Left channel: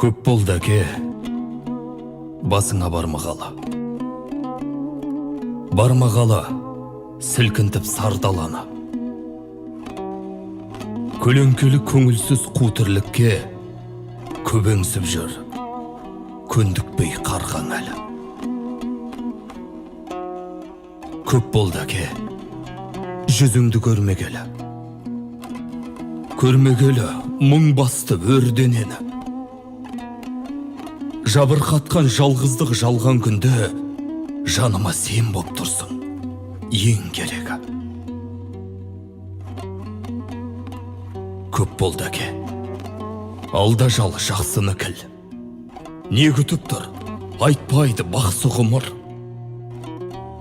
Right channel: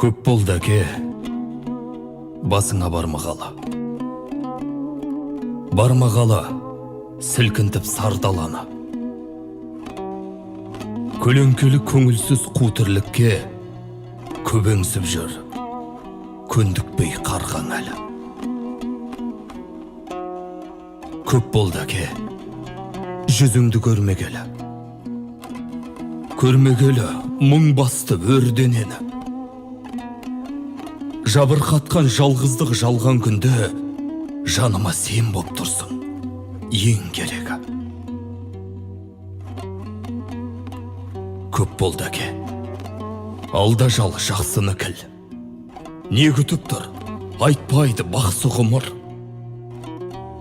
Көп болды әке, басыңа бармағала. Бармағала, сілкінтіп сардаланы. Көлеңкелі көңілсіз қу тірлікке көбеңсіп жүр, көндікпей қарған әлі. Көп болды әке, жүзіңді көрмегелі. Көрмегелі мұң басты өрденені. Жабырқатқан жалғыздық жалған күнде жаныма сен боп тұрсың, ең керегі. Көп болды әке, алда жал жақсыны кіл. Не күтіп тұр, айтпайды бақсы ғұмыр.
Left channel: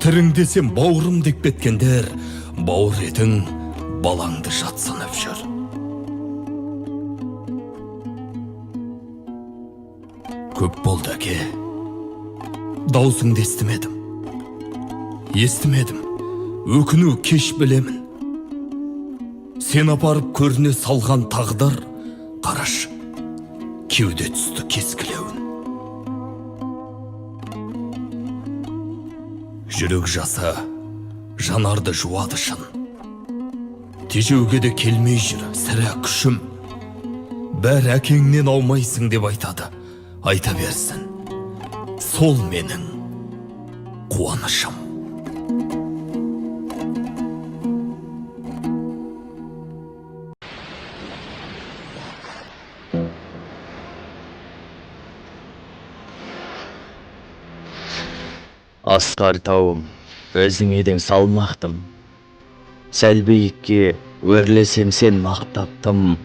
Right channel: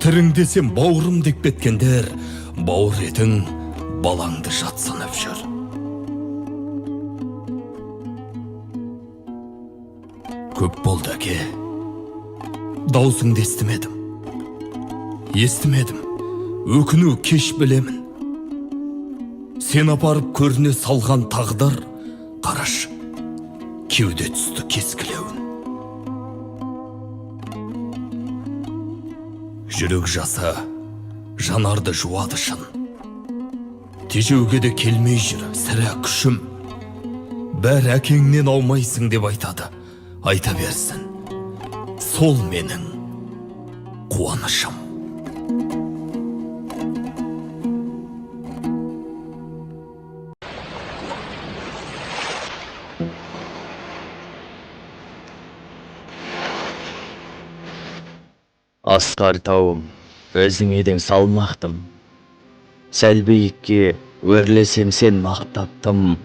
Тіріңдесем бауырым деп кеткендер, бауыр етің балаңды жатсынып жүр. Көп болды әке, даусыңды естімедім. Естімедім, өкіну кеш білемін. Сен апарып көріне салған тағдыр, қараш, кеуде түсті кескілеуін. Жүрек жаса, жанарды жуады шын. Тежеуге де келмей жүр, сірә күшім. Бәр әкеңнен аумайсың деп айтады. Айта берсін, сол менің қуанышым. Асқар тауым, өзің едің салмақтым. Сәл биікке өрлесем сен мақтаптым.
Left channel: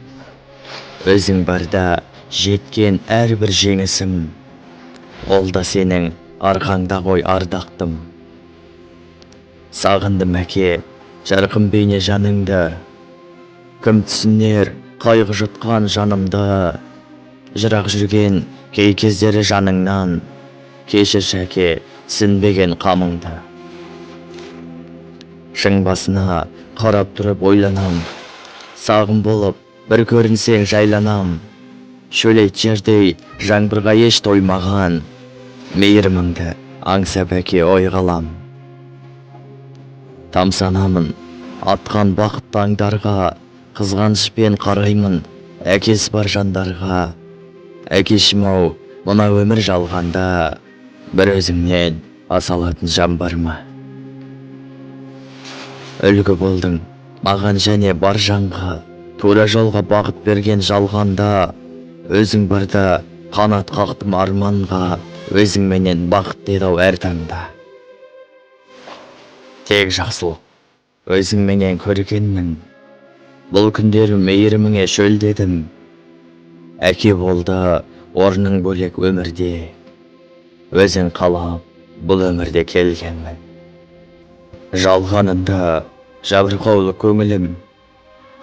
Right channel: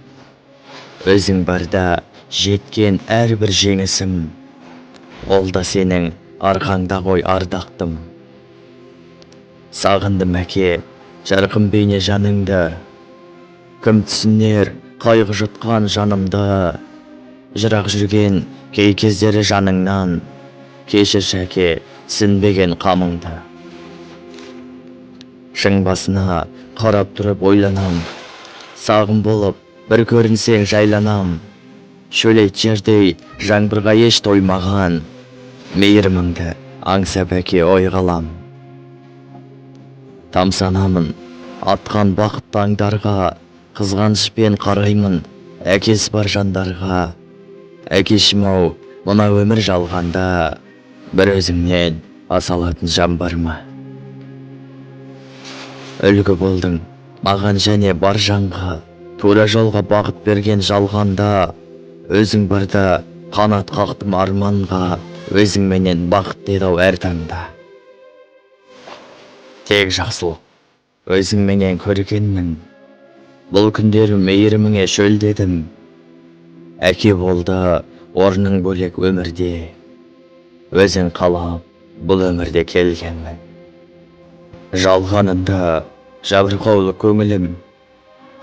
Өзің барда жеткен әрбір жеңісім, ол да сенің арқаңда ғой ардақтым. Сағындым әке, жарқын бейне жаныңды. Кім түсінер қайғы жұтқан жанымды. Жырақ жүрген кей кездері жаныңнан, кешірші әке, сінбеген қамыңды. Шың басына қарап тұрып ойланам, сағым болып бір көрінсең жайланам. Шөлейт жердей жаңбырға еш тоймаған, мейіріміңді аңсап әке ой қалам. Тамсанамын атқан бақыт таңдарға, қызғанышпен қараймын әкесі бар жандарға. Әкешім-ау, мына өмір жалғанда, бір өзіңнен аса алатын жан бар ма? Үлгі болдың маған және бар жанға, тура жолға бағыт берген жалғанда. Өзің барда қанат қақтым арманға, өзіңменен бақыт дедау әр таңда. Тек жақсылық, өзіңменен көргенмін, бұл күндері мейіріміңе шөлдедім. Әке болды орның бөлек өмірде, өзің қалап бұл өмірде келгенмін. Жалғанында жабырқаулы көңілім,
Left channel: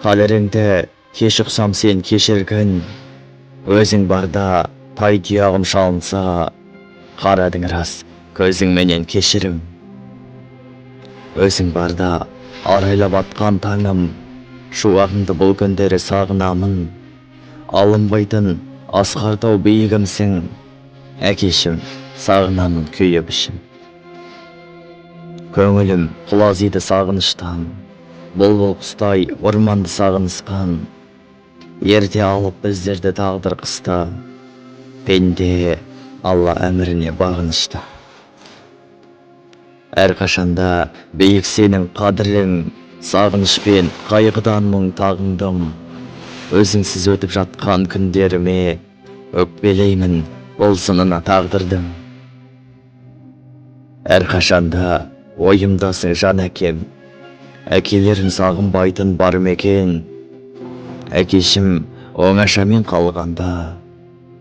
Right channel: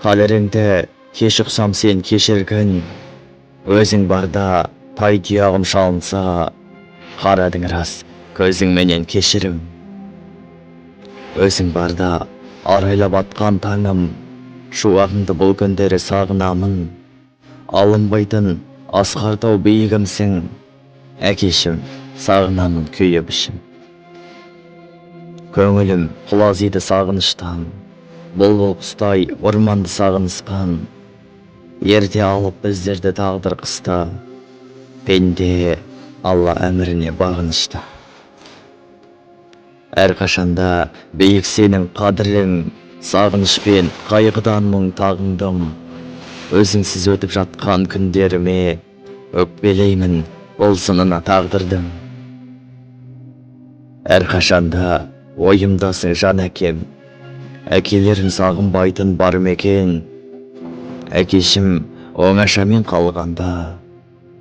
қалеріңді кеш ұқсам сен кешіргін. Өзің барда тай тұяғым шалынса, қарадың рас көзіңменен кешірім. Өзің барда арайлап атқан таңым, шуағыңды бұл күндері сағынамын. Алынбайтын асқар тау биігімсің, әкешім сағынамын күйіп ішім. Көңілім құлазиды сағыныштан, бұлбұл құстай орманды сағынысқан. Ерте алып біздерді тағдыр қыста, пенде Алла әміріне бағынышты. Әрқашанда биік сенің қадірің, сағынышпен қайғыдан мұң тағындым. Өзіңсіз өтіп жатқан күндеріме өкпелеймін бұл сынына тағдырдым. Әрқашанда ойымдасың жан әкем, әкелерін сағынбайтын бар мекен. Әкешім оңашамен қалғанда,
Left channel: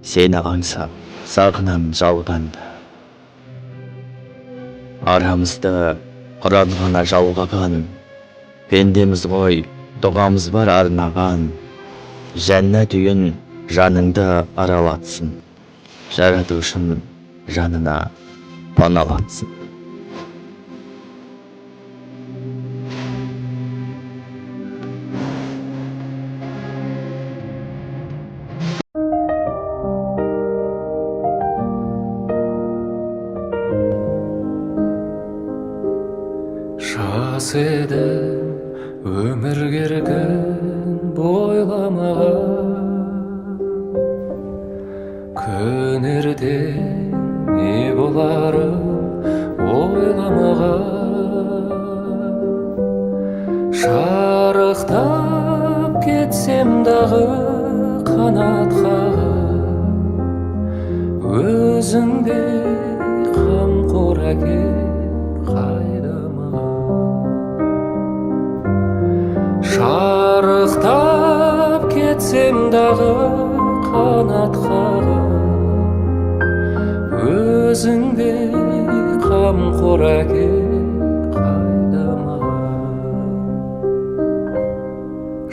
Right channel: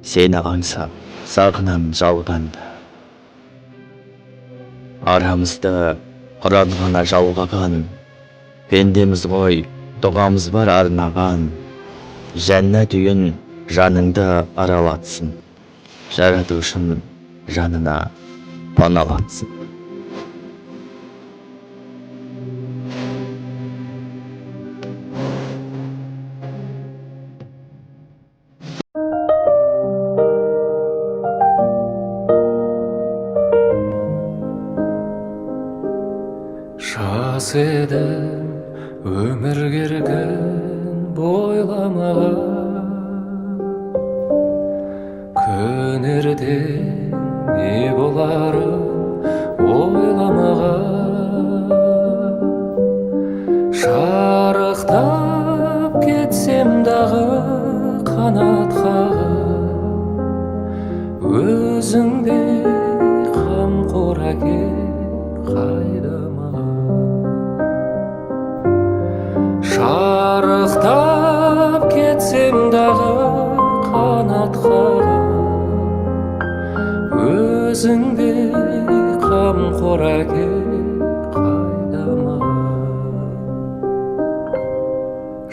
сені аңсап сағынамын жалғанда. Арамызды құран ғана жалғаған, пендеміз ғой дұғамыз бар арнаған. Жәннат үйін жаныңды аралатсын, жаратушың жанына паналатсын. едім өмір керген бойламаған, күн ертең не боларын ойламаған. Шарықтап кетсем дағы қанат қағып, өзіңдей қамқор әке қайда маған. Шарықтап кетсем дағы қанат қағып, өзіңдей қамқор әке қайда маған.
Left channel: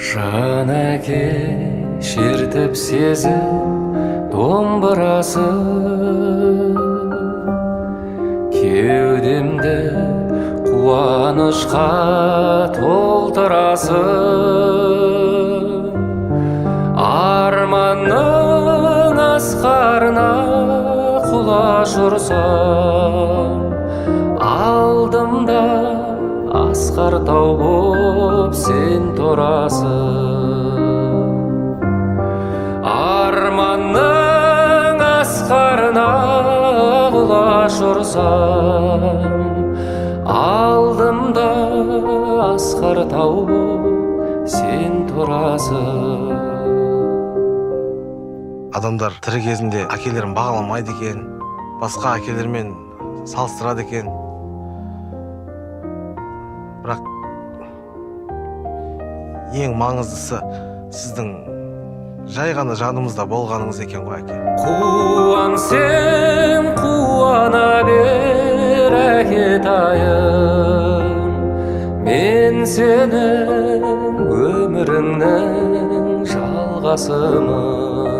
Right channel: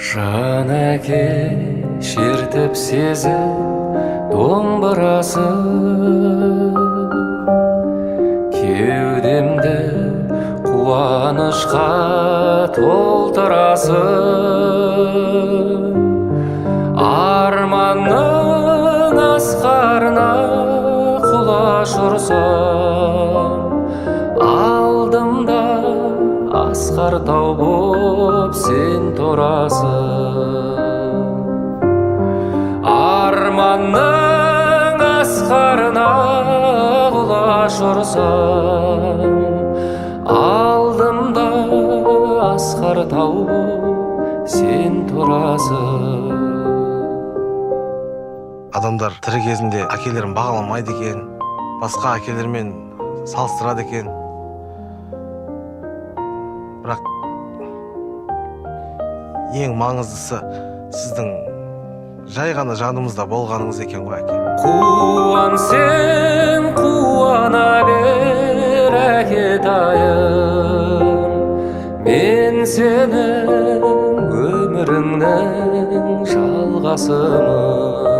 Жан әке шертіп сезім домбырасы, кеудемді қуанышқа толтырасың. Арманның асқарына құлаш ұрсам, алдымда асқар тау боп сен тұрасың. Арманның асқарына құлаш ұрсам, алдымда асқар тау боп сен тұрасың. Адамдар тірі кезінде әкелерін бағаламайды екен, басқа әкелермен салыстырады екен. Бірақ ең маңыздысы сіздің жай ғана жанымызда болғаныңыз екен ғой әке. Қуан сен қуана бер әкетайым, мен сенің өміріңнің жалғасымын.